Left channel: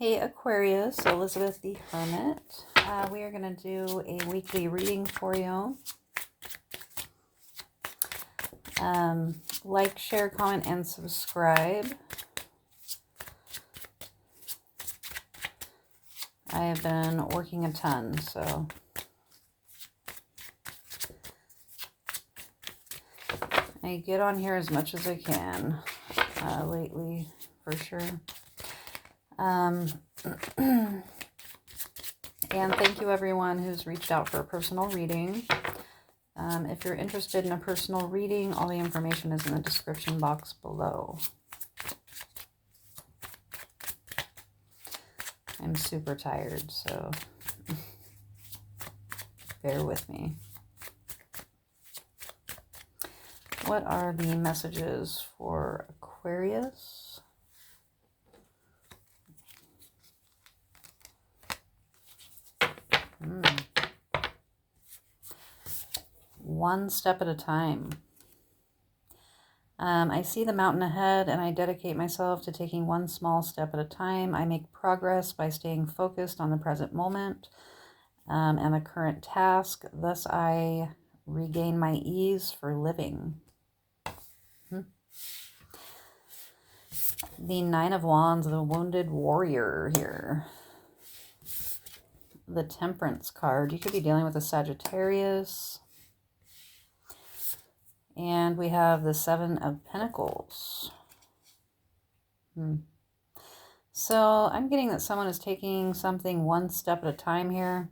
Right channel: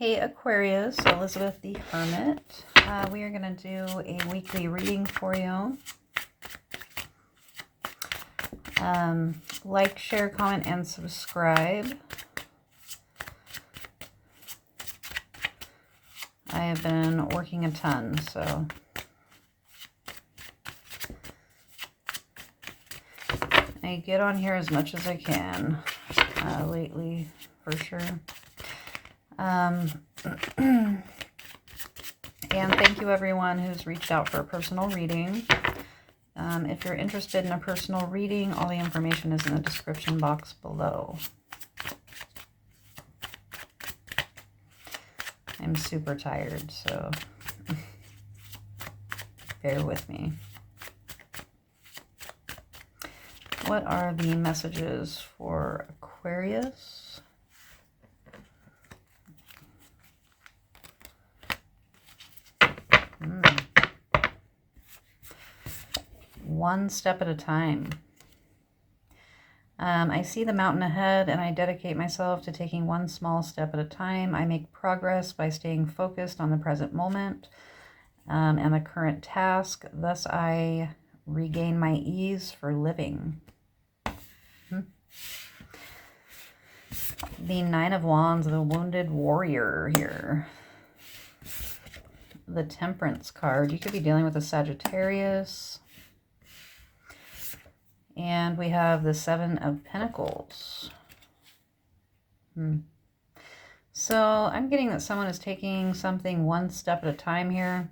Hey Aquarius, Elizabeth the Hermit. We are going to do a weekly reading for you. Like, share, comment, and subscribe. I have been working a ton, so I get on here as much as I can lately, for sure. And thank you everyone who's reached out for a personal reading. If you're interested in a personal reading, all the information is in the description box below. I'm super tired, so bear with me. What are the messages for Aquarius? One step at a time. I see the mountain ahead and I dedicate myself to taking one small step at a time. I make progress by staying focused on the present moment and the current task. Thus, I regain my ease for living. The Nine of Wands, the Wounded Warrior here. The Temperance card. You could be dealing with a Sagittarius. And we have the Seven of Pentacles. So I'm getting that someone is taking something one step at a time here.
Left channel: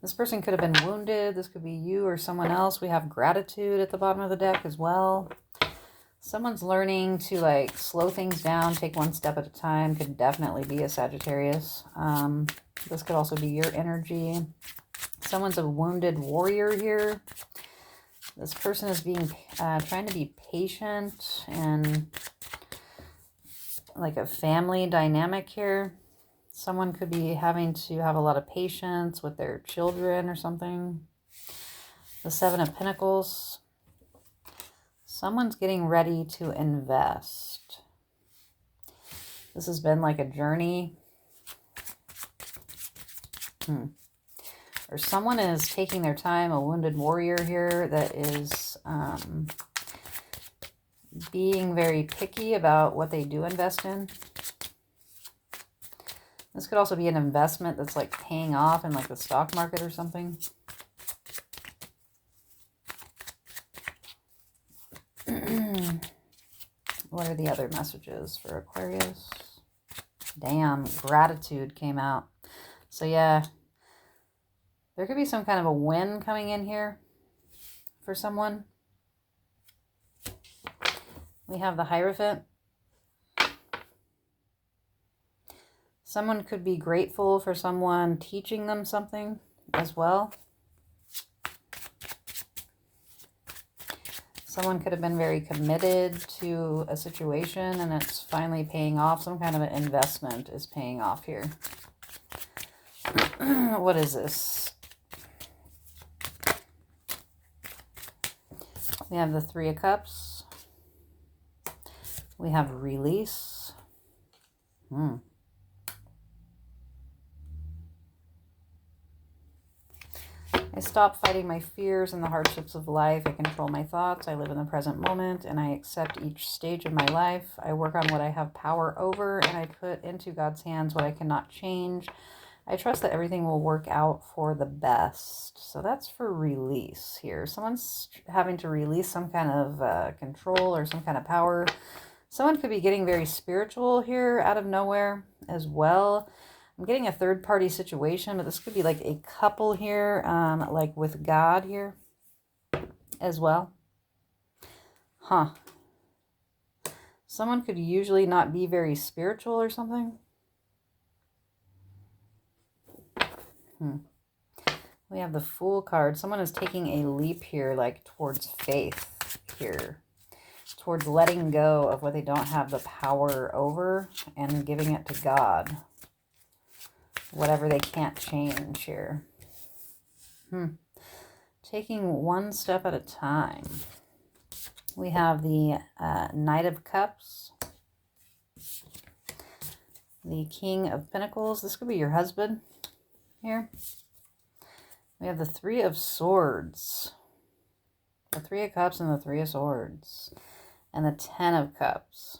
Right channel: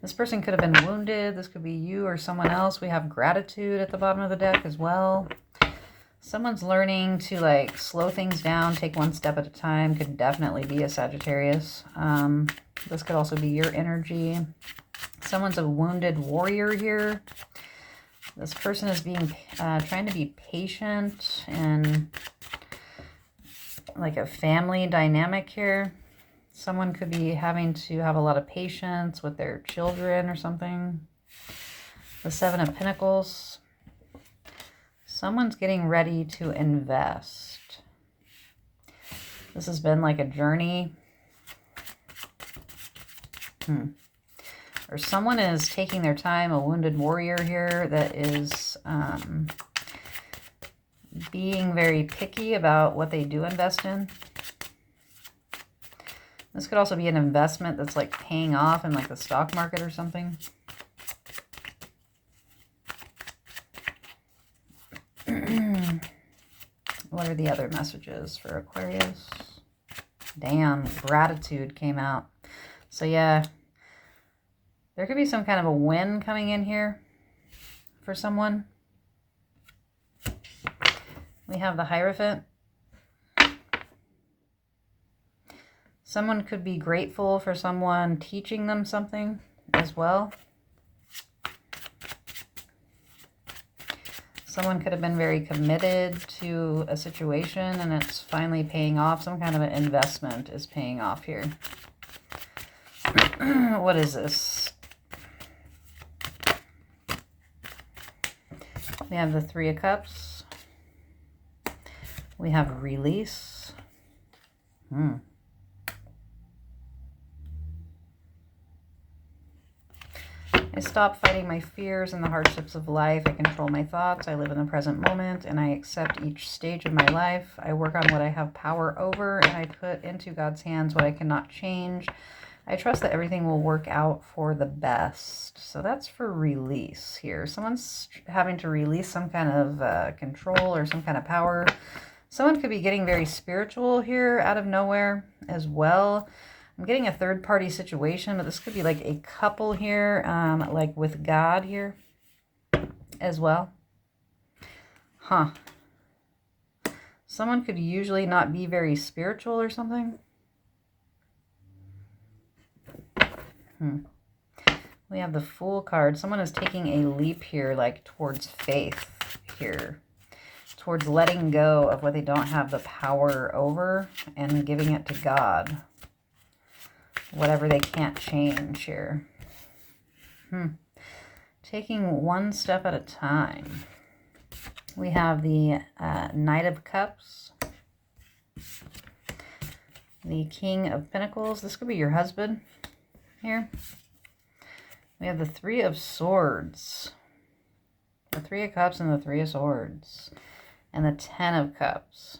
This person could have been wounded. This could be you or someone else. We have gratitude at the bottom of the deck as well. Someone's learning to like slow things down, take one step at a time. Could definitely be a Sagittarius. This could also be your energy. Someone's a wounded warrior here. This person is trying to be patient and like a family dynamic here. Someone could be having to have a lot of patience with their children or something. The Seven of Pentacles. Someone's getting ready to invest. This has been like a journey. Or someone is taking their time, a wounded warrior here that is being very picky about what they do invest in. This could also be an investment that's like paying off in like the stock market or something. What are the other messages for Aquarius? Damn, gratitude came out. So yeah. There could be some kind of a win coming in here for someone. We have the Hierophant. Someone could be grateful for someone teaching them something as well. Someone could have been very committed to a situation and it's finally paying off. Some kind of an investment is paying off here. What is this? We have the Three of Cups. We have release. I stop fighting my fears and the hardships of life. I control my thoughts. I live in the present moment and I accept each stage of my life. I work on what I have power over and I put into God's hands what I cannot change. I trust that everything will work out for the best. So that's for release here. Someone's having to release some kind of control or some kind of power. Someone could be getting very spiritual here out of nowhere as well. I'm getting a third-party situation, but this could be like a couple here, like with God here as well. Someone could usually not be very spiritual or something. We have the Fool card. Someone is taking a leap here, like towards faith here. Towards letting go of what they don't have the power over and giving it to God. Whatever they can't change here. Taking one step at a time. We have the Knight of Cups. The King of Pentacles. This could be your husband here. We have the Three of Swords. The Three of Cups and the Three of Swords. And the Ten of Cups.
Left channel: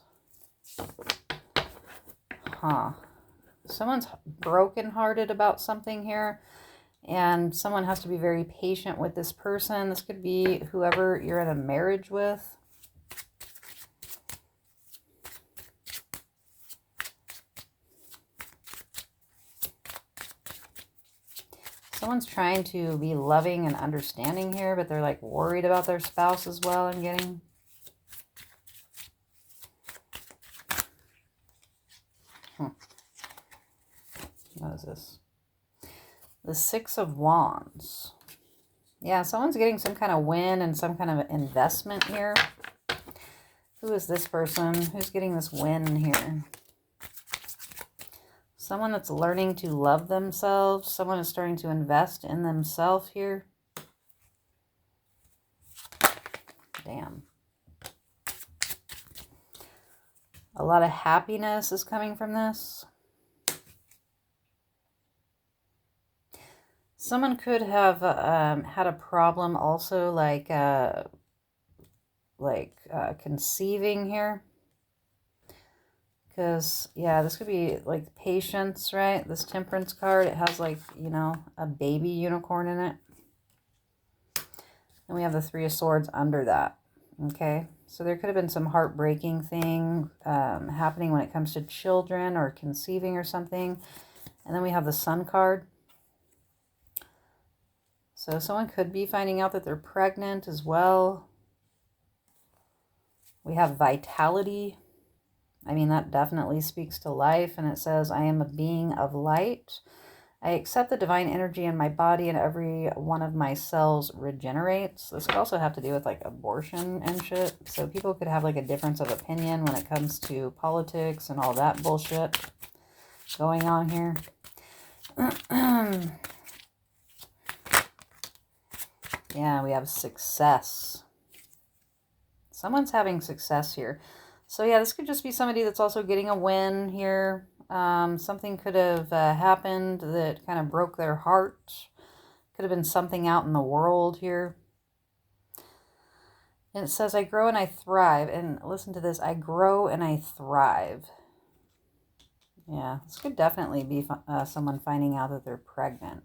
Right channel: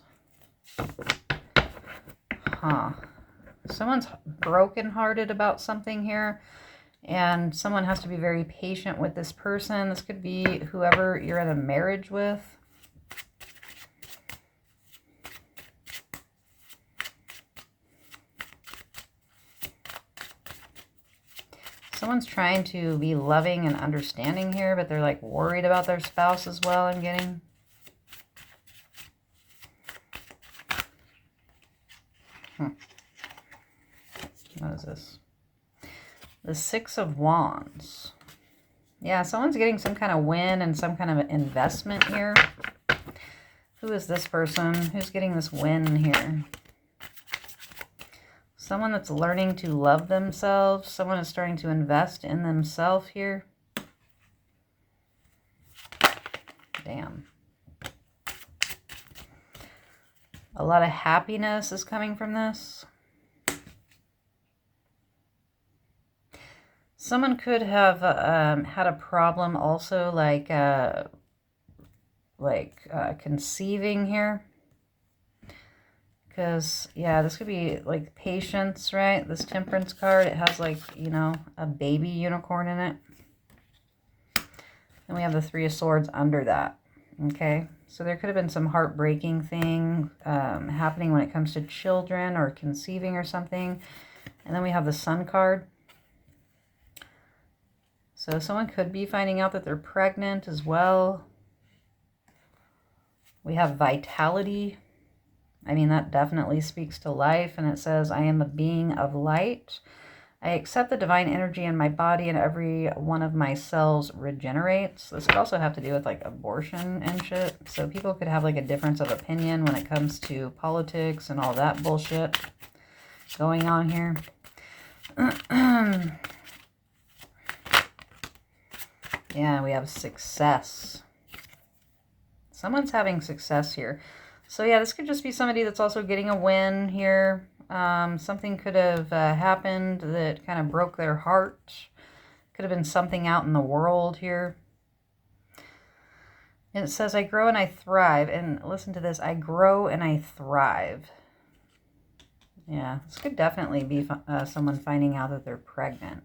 Huh. Someone's brokenhearted about something here. And someone has to be very patient with this person. This could be whoever you're in a marriage with. Someone's trying to be loving and understanding here, but they're like worried about their spouse as well, I'm getting. What is this? The Six of Wands. Yeah, someone's getting some kind of win and some kind of investment here. Who is this person? Who's getting this win here? Someone that's learning to love themselves. Someone is starting to invest in themselves here. Damn. A lot of happiness is coming from this. Someone could have had a problem also, like conceiving here. Because, yeah, this could be like patience, right? This Temperance card, it has like, you know, a baby unicorn in it. And we have the Three of Swords under that, okay? So there could have been some heartbreaking thing happening when it comes to children or conceiving or something. And then we have the Sun card. So someone could be finding out that they're pregnant as well. We have Vitality. I mean, that definitely speaks to life. And it says, I am a being of light. I accept the divine energy in my body and every one of my cells regenerates. This could also have to do with like abortion and shit. So people could have like a difference of opinion when it comes to politics and all that bullshit going on here. Yeah, we have success. Someone's having success here. So yeah, this could just be somebody that's also getting a win here. Something could have happened that kind of broke their heart. Could have been something out in the world here. And it says, I grow and I thrive. And listen to this, I grow and I thrive. Yeah, this could definitely be someone finding out that they're pregnant.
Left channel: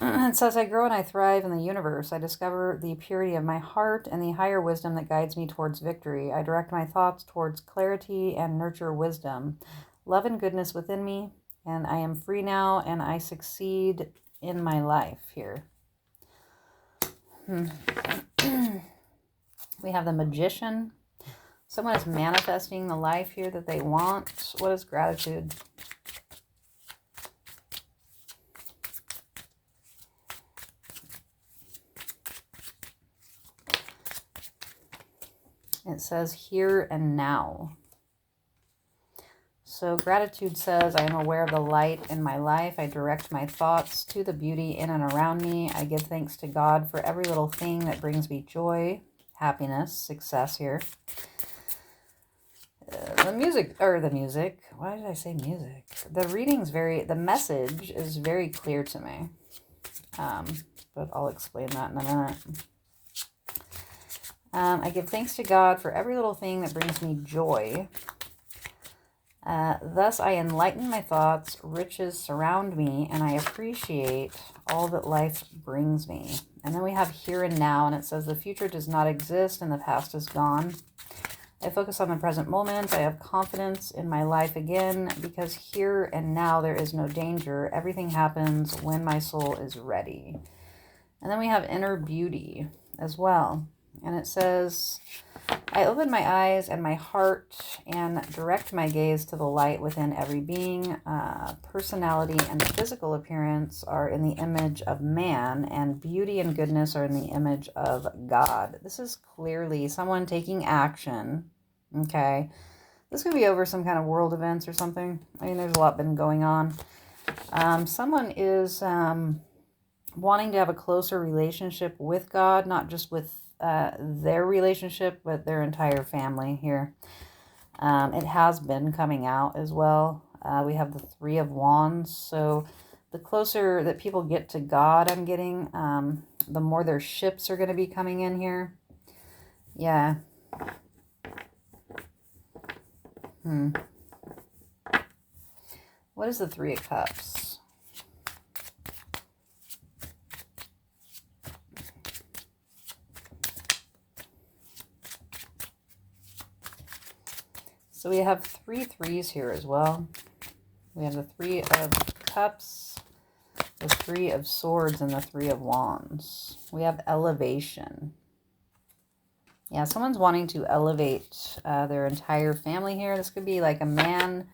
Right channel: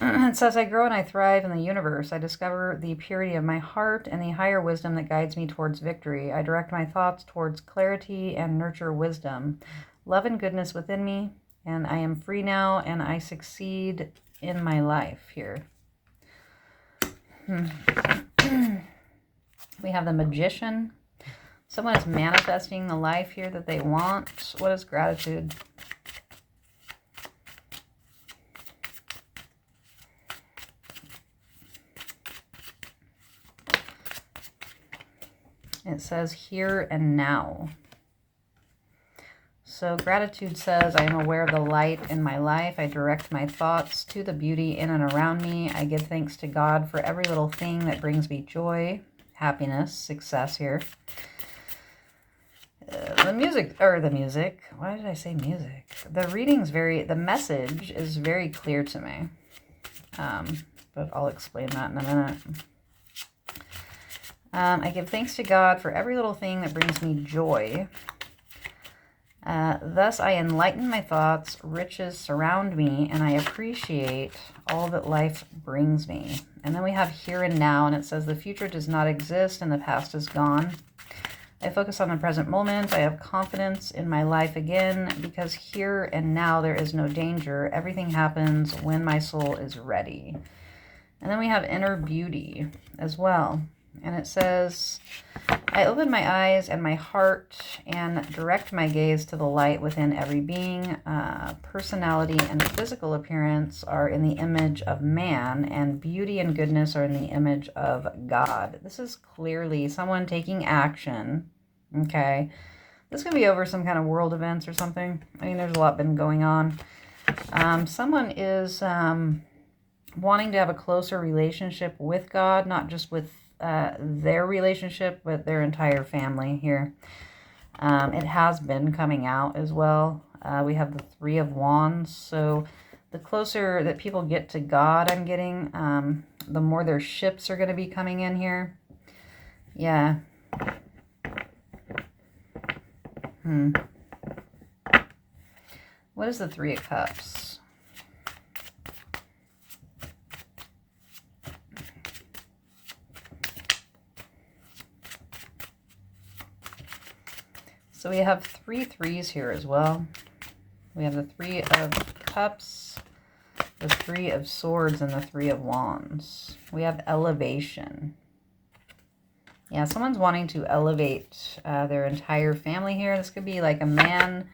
It says, I grow and I thrive in the universe. I discover the purity of my heart and the higher wisdom that guides me towards victory. I direct my thoughts towards clarity and nurture wisdom, love and goodness within me. And I am free now and I succeed in my life here. We have the Magician. Someone is manifesting the life here that they want. What is gratitude? It says here and now. So gratitude says, I am aware of the light in my life. I direct my thoughts to the beauty in and around me. I give thanks to God for every little thing that brings me joy, happiness, success here. The music, why did I say music? The message is very clear to me. But I'll explain that in a minute. I give thanks to God for every little thing that brings me joy. Thus I enlighten my thoughts, riches surround me, and I appreciate all that life brings me. And then we have here and now, and it says the future does not exist and the past is gone. I focus on the present moment. I have confidence in my life again because here and now there is no danger. Everything happens when my soul is ready. And then we have inner beauty as well. And it says, I open my eyes and my heart and direct my gaze to the light within every being. Personality and physical appearance are in the image of man, and beauty and goodness are in the image of God. This is clearly someone taking action, okay? This could be over some kind of world events or something. I mean, there's a lot been going on. Someone is wanting to have a closer relationship with God, not just with their relationship, but their entire family here. It has been coming out as well. We have the Three of Wands. So the closer that people get to God, I'm getting, the more their ships are going to be coming in here. Yeah. What is the Three of Cups? So we have 3 threes here as well. We have the Three of Cups, the Three of Swords, and the Three of Wands. We have elevation. Yeah, someone's wanting to elevate their entire family here. This could be like a man.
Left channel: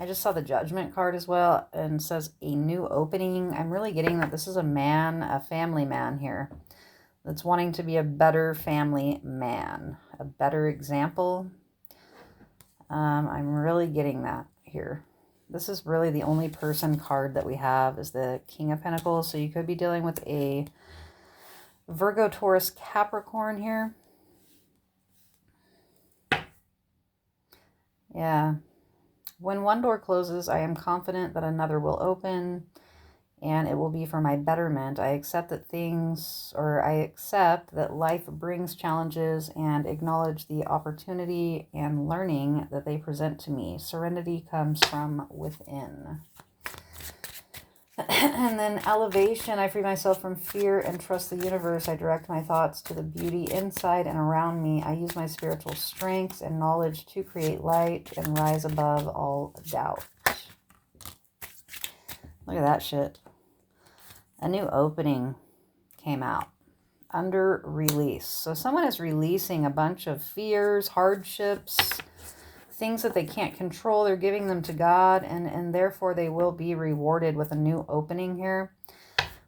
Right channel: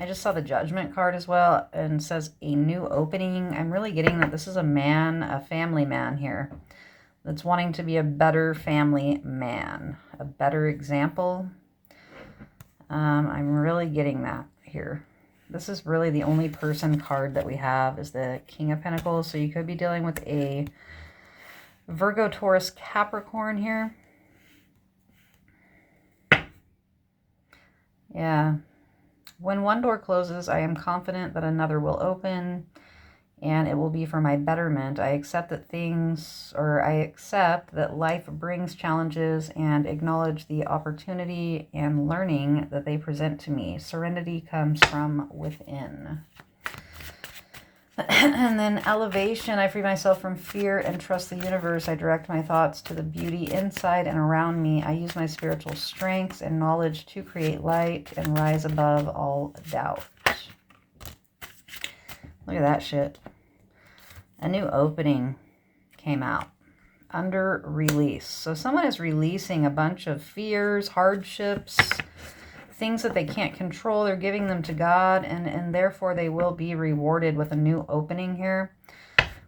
I just saw the Judgment card as well, and says a new opening. I'm really getting that this is a man, a family man here, that's wanting to be a better family man, a better example. I'm really getting that here. This is really the only person card that we have is the King of Pentacles. So you could be dealing with a Virgo, Taurus, Capricorn here. Yeah. When one door closes, I am confident that another will open, and it will be for my betterment. I accept that life brings challenges and acknowledge the opportunity and learning that they present to me. Serenity comes from within. And then elevation, I free myself from fear and trust the universe. I direct my thoughts to the beauty inside and around me. I use my spiritual strengths and knowledge to create light and rise above all doubt. Look at that shit. A new opening came out. Under release. So someone is releasing a bunch of fears, hardships, things that they can't control. They're giving them to God, and therefore they will be rewarded with a new opening here.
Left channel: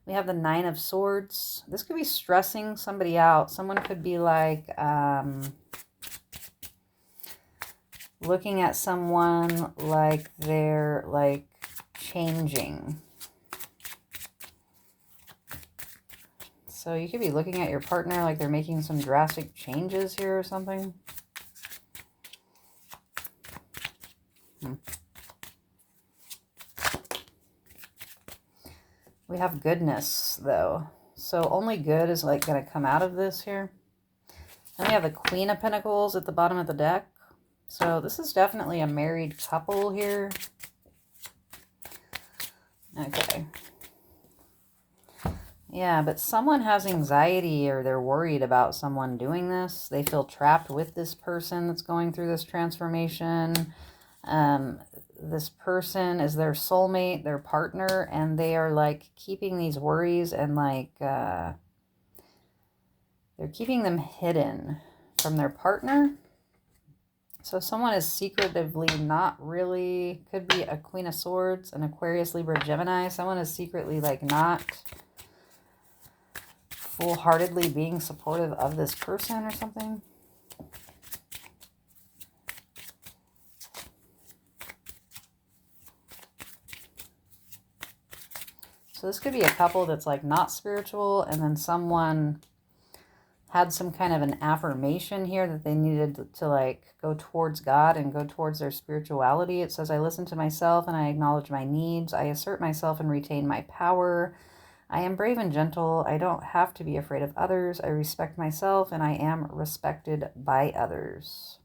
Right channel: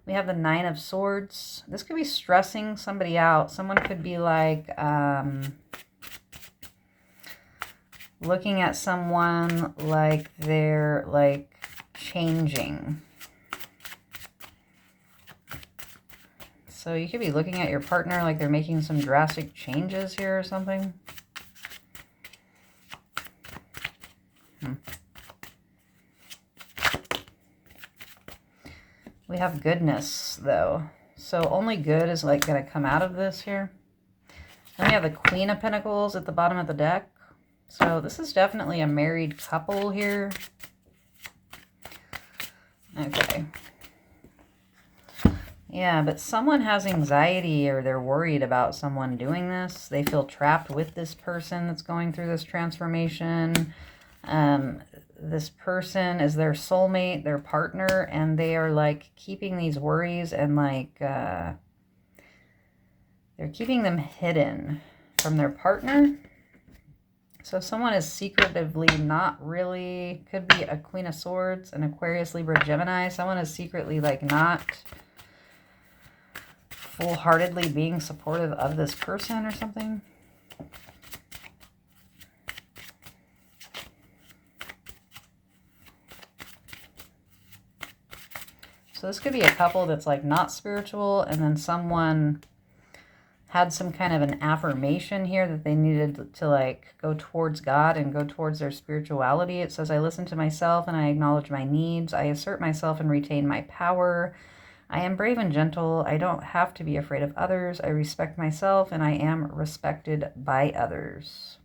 We have the Nine of Swords. This could be stressing somebody out. Someone could be like looking at someone like they're like changing. So you could be looking at your partner like they're making some drastic changes here or something. We have goodness, though. So only good is like going to come out of this here. Then we have the Queen of Pentacles at the bottom of the deck. So this is definitely a married couple here. Okay. Yeah, but someone has anxiety or they're worried about someone doing this. They feel trapped with this person that's going through this transformation. This person is their soulmate, their partner, and they are like keeping these worries and like they're keeping them hidden from their partner. So someone is secretively not really, could be a Queen of Swords, an Aquarius, Libra, Gemini. Someone is secretly like not full-heartedly being supportive of this person or something. So this could be a couple that's like not spiritual, and then someone had some kind of an affirmation here that they needed to like go towards God and go towards their spirituality. It says, I listen to myself and I acknowledge my needs. I assert myself and retain my power. I am brave and gentle. I don't have to be afraid of others. I respect myself and I am respected by others.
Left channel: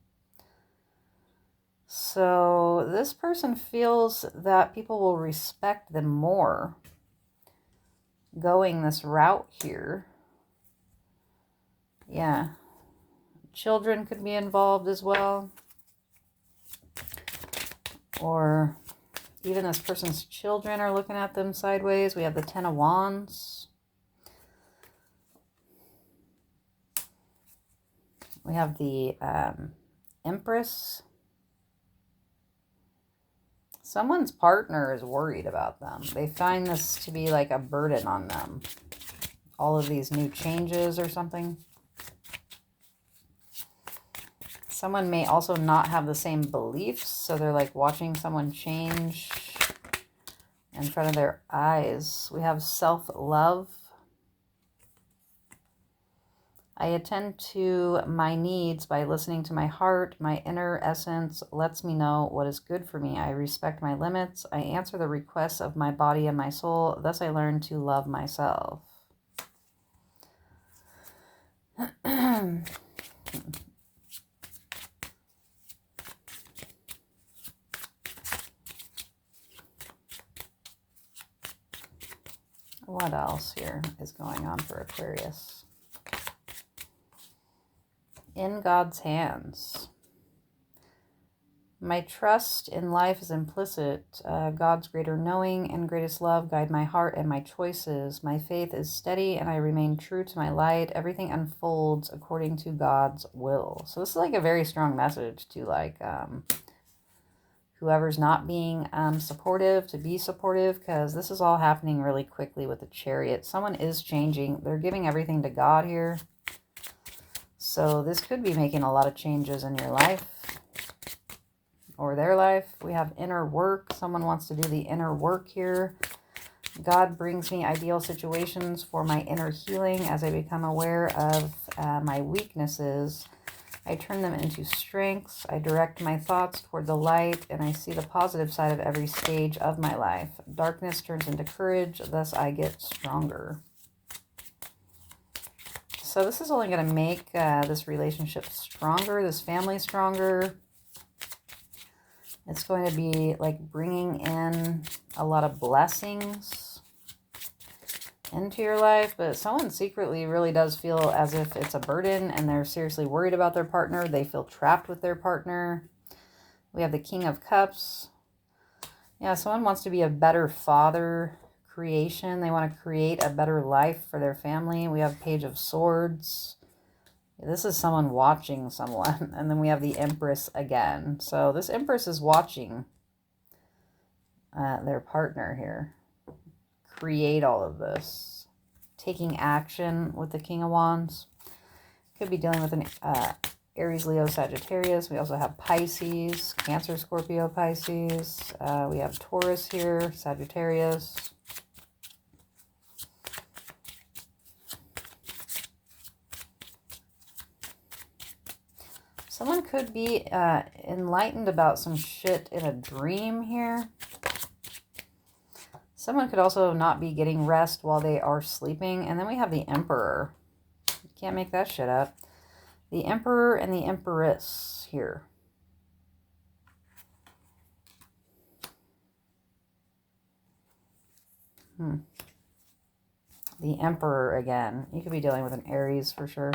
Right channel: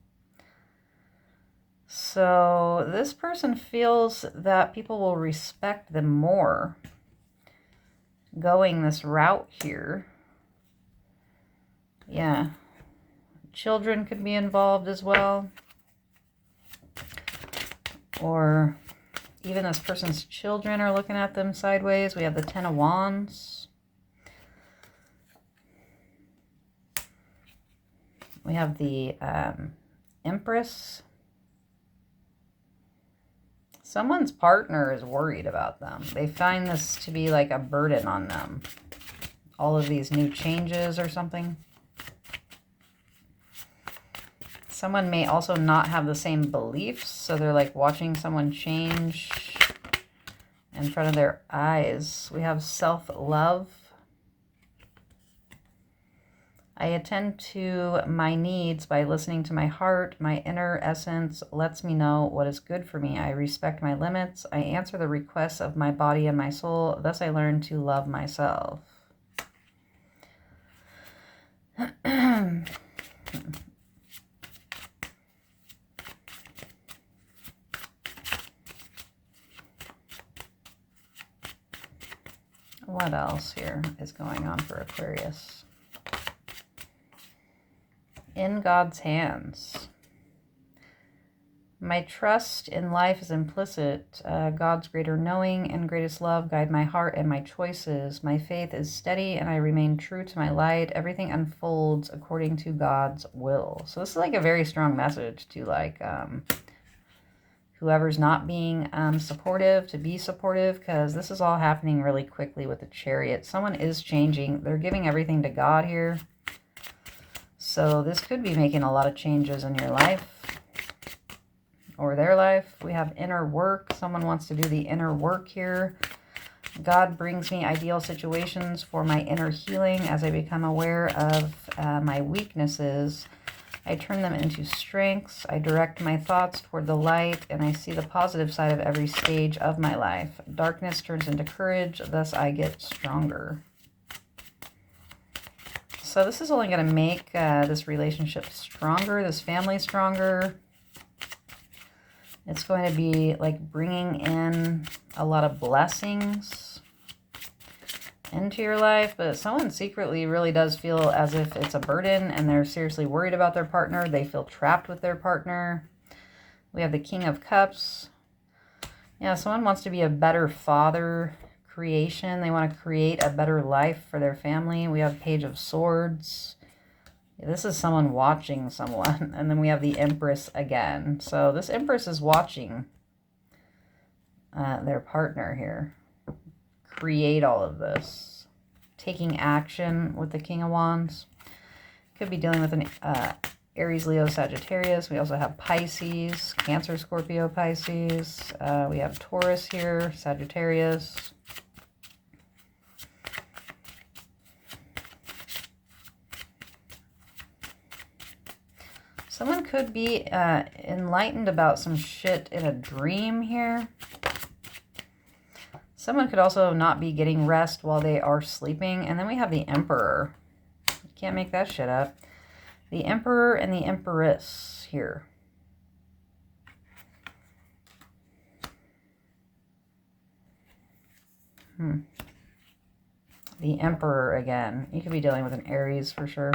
So this person feels that people will respect them more going this route here. Yeah. Children could be involved as well. Or even this person's children are looking at them sideways. We have the Ten of Wands. We have the Empress. Someone's partner is worried about them. They find this to be like a burden on them. All of these new changes or something. Someone may also not have the same beliefs, so they're like watching someone change in front of their eyes. We have self-love. I attend to my needs by listening to my heart. My inner essence lets me know what is good for me. I respect my limits. I answer the requests of my body and my soul. Thus I learn to love myself. What else here is going on for Aquarius? In God's hands. My trust in life is implicit. God's greater knowing and greatest love guide my heart and my choices. My faith is steady and I remain true to my light. Everything unfolds according to God's will. So this is like a very strong message to like whoever's not being supportive to be supportive, because this is all happening really quickly with the Chariot. Someone is changing. They're giving everything to God here. So this could be making a lot of changes in your life or their life. We have inner work. Someone wants to do the inner work here. God brings me ideal situations for my inner healing as I become aware of my weaknesses. I turn them into strengths. I direct my thoughts toward the light, and I see the positive side of every stage of my life. Darkness turns into courage, thus I get stronger. So this is only going to make this relationship stronger, this family stronger. It's going to be like bringing in a lot of blessings into your life, but someone secretly really does feel as if it's a burden and they're seriously worried about their partner. They feel trapped with their partner. We have the King of Cups. Yeah, someone wants to be a better father creation. They want to create a better life for their family. We have Page of Swords. This is someone watching someone. And then we have the Empress again. So this Empress is watching their partner here create all of this, taking action with the King of Wands. Could be dealing with an Aries, Leo, Sagittarius. We also have Pisces, Cancer, Scorpio, Pisces. We have Taurus here, Sagittarius. Someone could be enlightened about some shit in a dream here. Someone could also not be getting rest while they are sleeping. And then we have the Emperor. You can't make that shit up. The Emperor and the Empress here. The Emperor again. You could be dealing with an Aries for sure.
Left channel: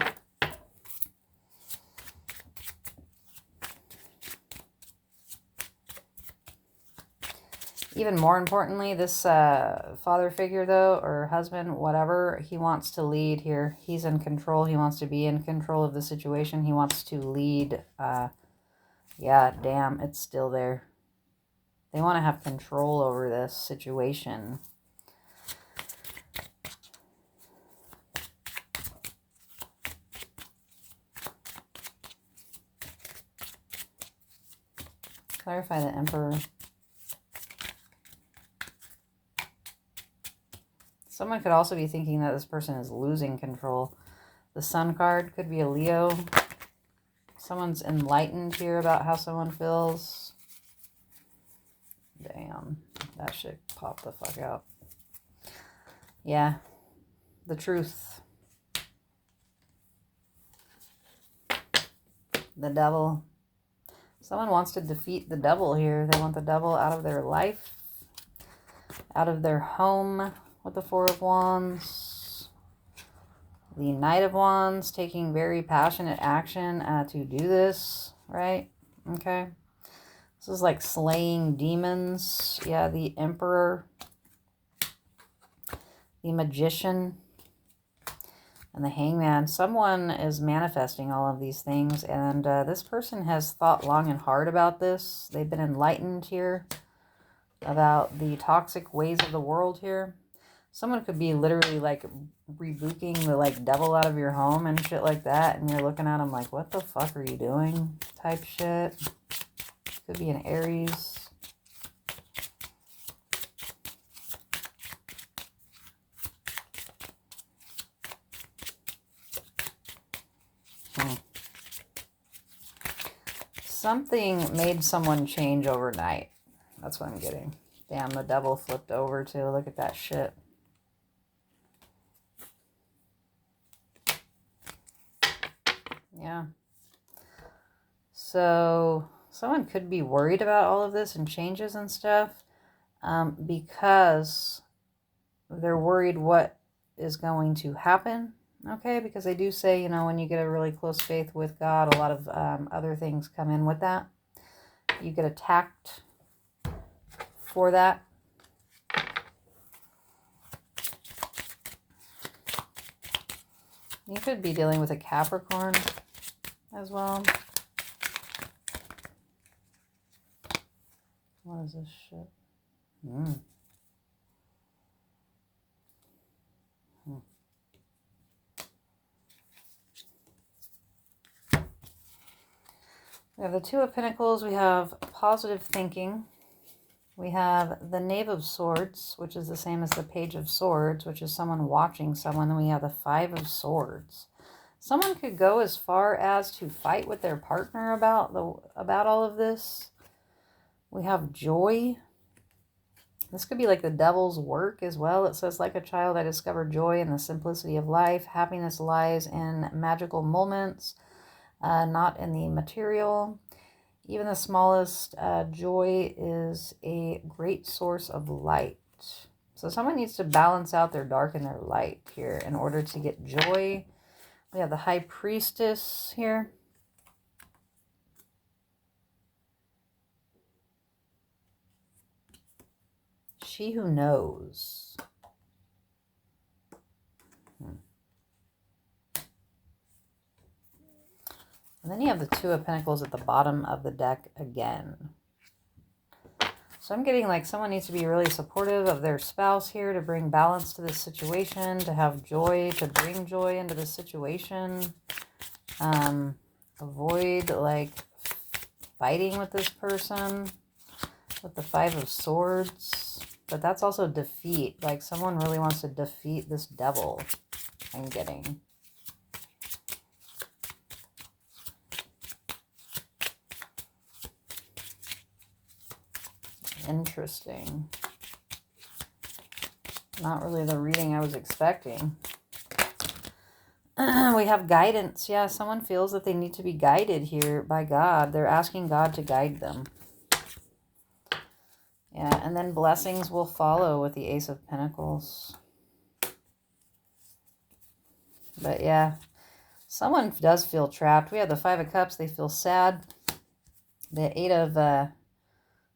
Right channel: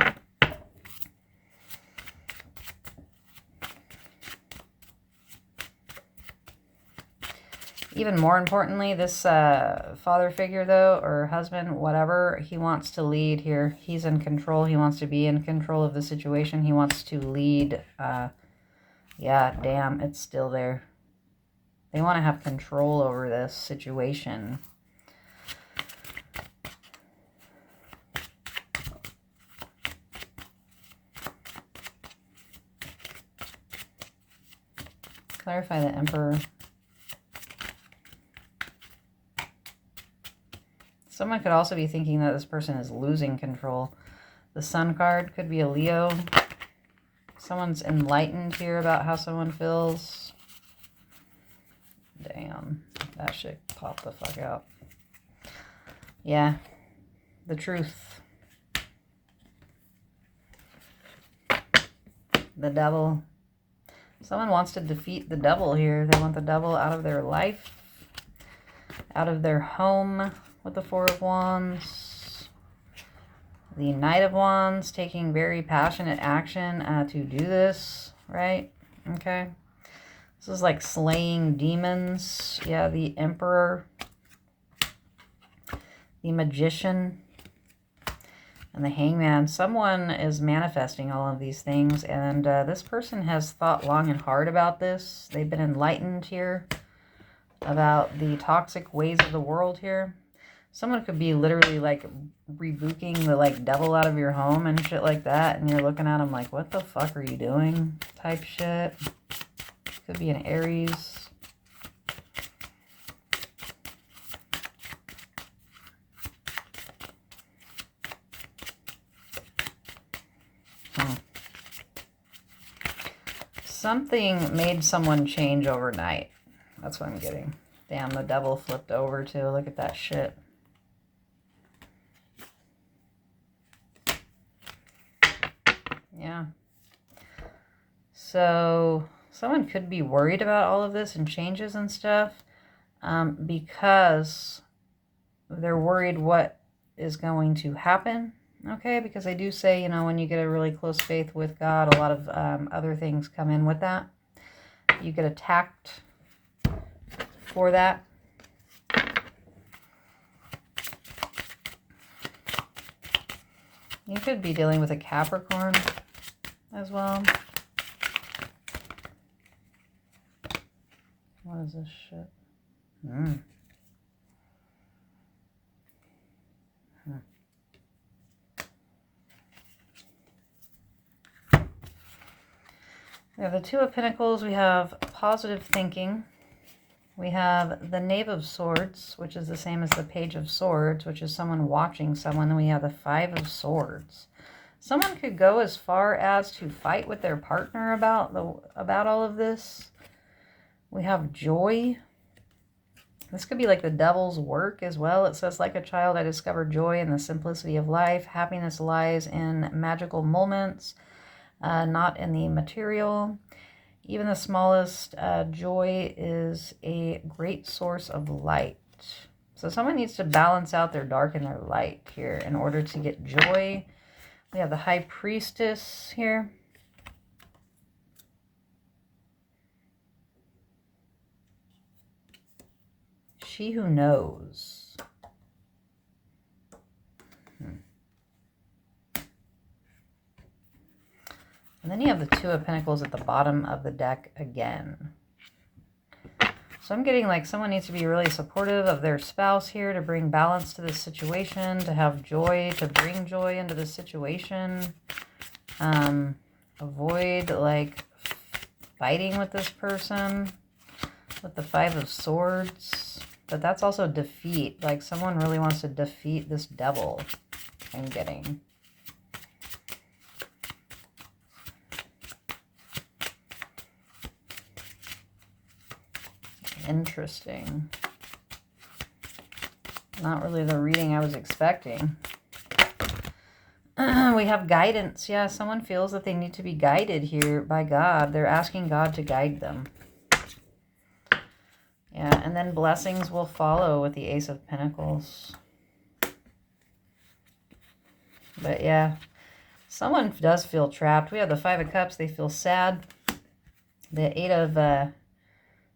Even more importantly, this father figure, though, or husband, whatever, he wants to lead here. He's in control. He wants to be in control of the situation. He wants to lead. Yeah, damn, it's still there. They want to have control over this situation. Clarify the Emperor. Someone could also be thinking that this person is losing control. The Sun card could be a Leo. Someone's enlightened here about how someone feels. Damn, that shit popped the fuck out. Yeah, the truth. The devil. Someone wants to defeat the devil here. They want the devil out of their life, out of their home. With the Four of Wands, the Knight of Wands, taking very passionate action to do this, right? Okay. This is like slaying demons. Yeah, the Emperor, the Magician, and the Hangman. Someone is manifesting all of these things, and this person has thought long and hard about this. They've been enlightened here about the toxic ways of the world here. Someone could be literally like rebuking the like devil out of your home and shit like that. And you're looking at them like, what the fuck are you doing? Type shit. Could be an Aries. Something made someone change overnight. That's what I'm getting. Damn, the devil flipped over too. Look at that shit. Yeah. So someone could be worried about all of this and changes and stuff because they're worried what is going to happen. Okay, because they do say, you know, when you get a really close faith with God, a lot of other things come in with that. You get attacked for that. You could be dealing with a Capricorn as well. What is this shit? We have the Two of Pentacles. We have positive thinking. We have the Knave of Swords, which is the same as the Page of Swords, which is someone watching someone. And we have the Five of Swords. Someone could go as far as to fight with their partner about all of this. We have joy. This could be like the devil's work as well. It says, like a child, I discovered joy in the simplicity of life. Happiness lies in magical moments, not in the material. Even the smallest joy is a great source of light. So someone needs to balance out their dark and their light here in order to get joy. We have the High Priestess here. She who knows. And then you have the Two of Pentacles at the bottom of the deck again. So I'm getting like someone needs to be really supportive of their spouse here to bring balance to this situation, to have joy, to bring joy into the situation. Avoid like fighting with this person with the Five of Swords. But that's also defeat. Like someone really wants to defeat this devil, I'm getting. Interesting. Not really the reading I was expecting. We have guidance. Yeah, someone feels that they need to be guided here by God. They're asking God to guide them. Yeah, and then blessings will follow with the Ace of Pentacles. But yeah, someone does feel trapped. We have the Five of Cups. They feel sad. The Eight of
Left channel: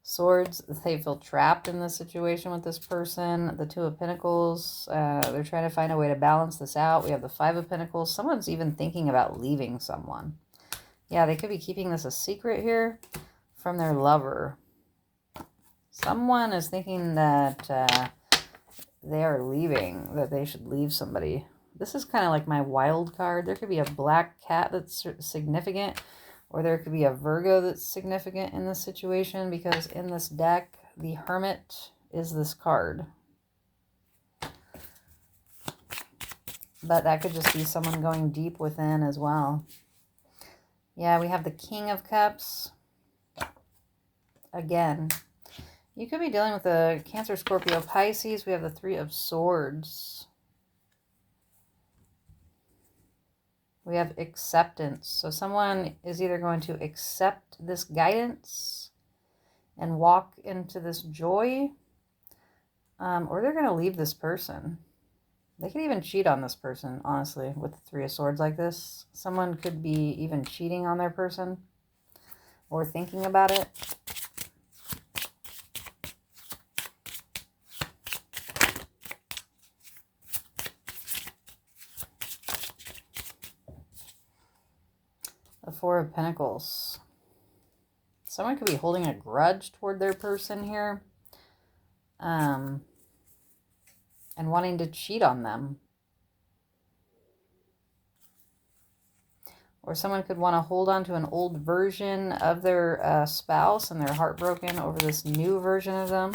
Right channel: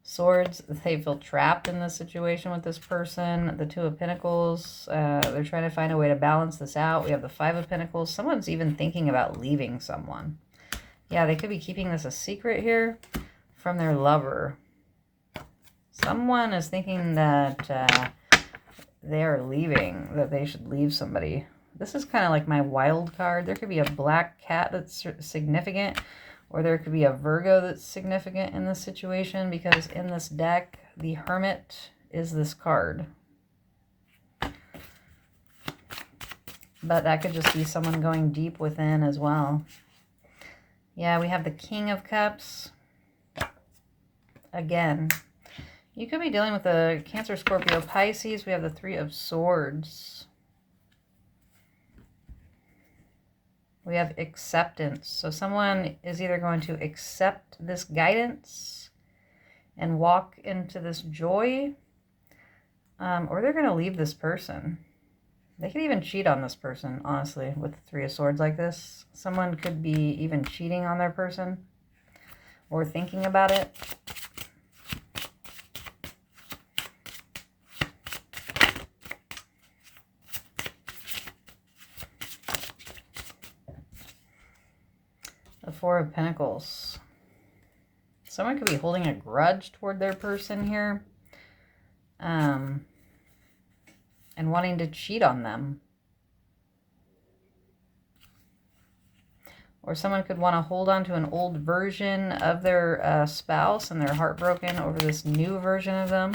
Swords, they feel trapped in this situation with this person. The Two of Pentacles, they're trying to find a way to balance this out. We have the Five of Pentacles. Someone's even thinking about leaving someone. Yeah, they could be keeping this a secret here from their lover. Someone is thinking that they are leaving, that they should leave somebody. This is kind of like my wild card. There could be a black cat that's significant, or there could be a Virgo that's significant in this situation, because in this deck, the Hermit is this card. But that could just be someone going deep within as well. Yeah, we have the King of Cups. Again, you could be dealing with a Cancer, Scorpio, Pisces. We have the Three of Swords. We have acceptance. So someone is either going to accept this guidance and walk into this joy, or they're going to leave this person. They could even cheat on this person, honestly, with the Three of Swords like this. Someone could be even cheating on their person or thinking about it. The Four of Pentacles. Someone could be holding a grudge toward their person here. And wanting to cheat on them. Or someone could want to hold on to an old version of their spouse, and they're heartbroken over this new version of them.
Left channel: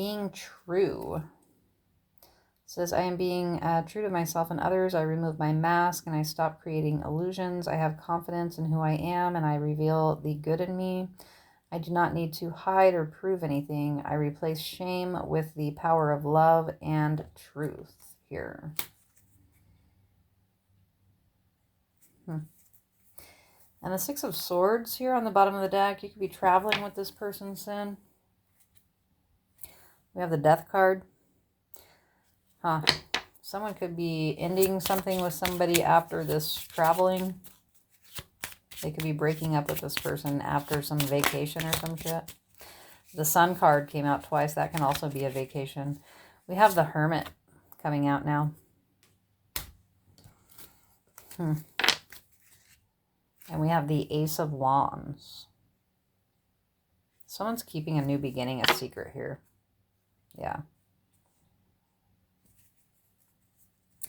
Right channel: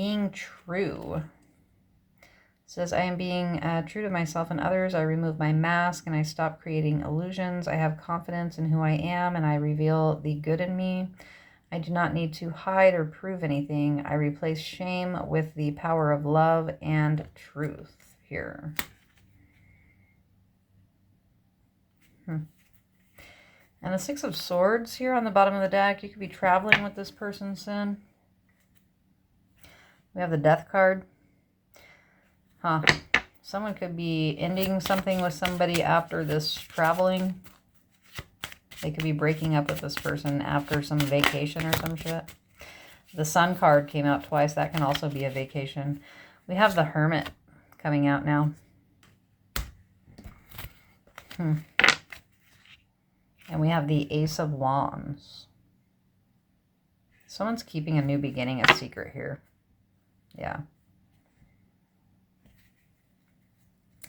being true. It says, I am being true to myself and others. I remove my mask and I stop creating illusions. I have confidence in who I am and I reveal the good in me. I do not need to hide or prove anything. I replace shame with the power of love and truth here. And the Six of Swords here on the bottom of the deck. You could be traveling with this person soon. We have the Death card. Someone could be ending something with somebody after this traveling. They could be breaking up with this person after some vacation or some shit. The Sun card came out twice. That can also be a vacation. We have the Hermit coming out now. And we have the Ace of Wands. Someone's keeping a new beginning a secret here. Yeah.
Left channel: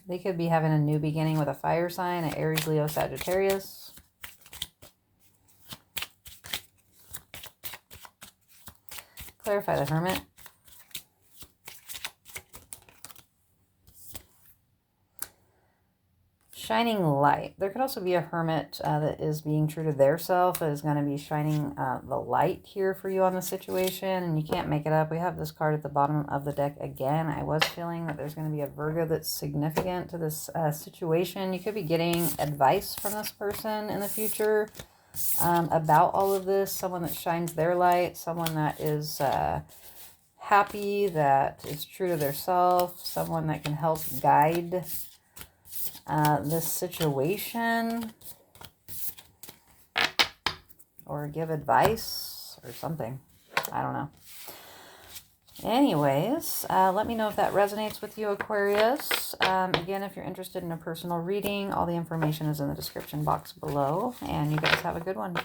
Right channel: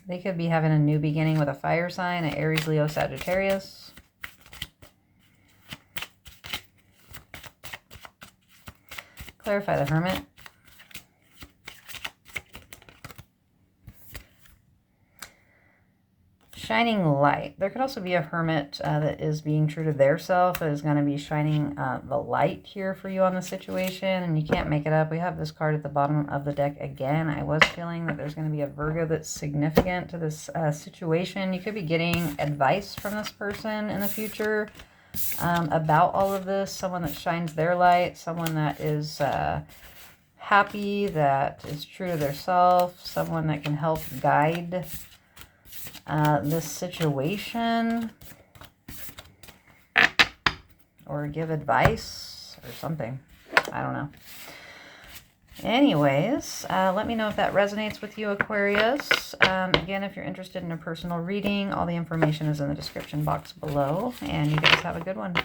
They could be having a new beginning with a fire sign, an Aries, Leo, Sagittarius. Clarify the Hermit. Shining light. There could also be a hermit that is being true to their self, that is going to be shining the light here for you on the situation, and you can't make it up. We have this card at the bottom of the deck again. I was feeling that there's going to be a Virgo that's significant to this situation. You could be getting advice from this person in the future about all of this. Someone that shines their light, someone that is happy, that is true to their self, someone that can help guide this situation or give advice or something. I don't know. Anyways, let me know if that resonates with you, Aquarius. Again, if you're interested in a personal reading, all the information is in the description box below, and you guys have a good one.